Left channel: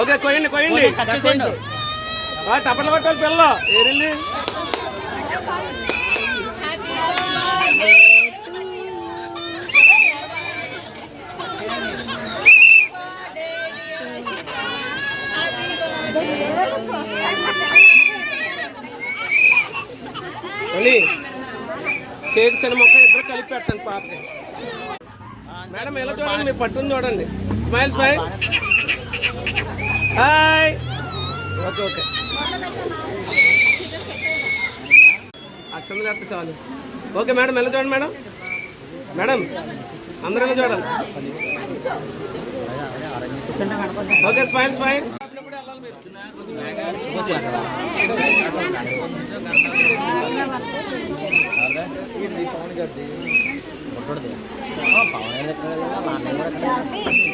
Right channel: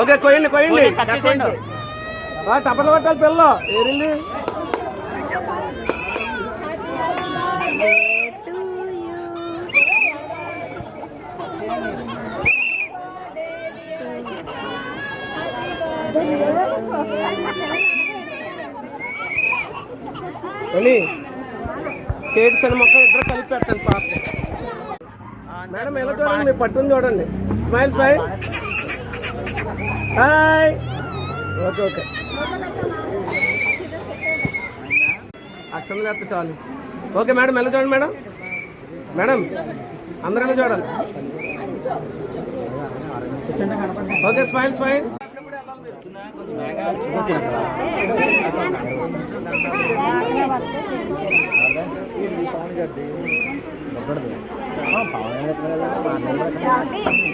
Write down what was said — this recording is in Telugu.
ఓకే కొయ్యండి కొయ్యండి టపర్లు కొట్టాలి పిల్లలు ఏరిల్లి కేక్ చిన్న మొక్క ఇద్దరు కలిపి పెట్టండి పాపకి మేడం ఎలా చూడండి మీరు పట్టుకుని చూడండి smile smile hi okay okay అక్షరం చెప్తే చాలు ఓకే మేడం ఎలా చూడండి మేడం మేడం అందరూ చూడండి ఓకే స్మైల్ స్మైల్ పవన్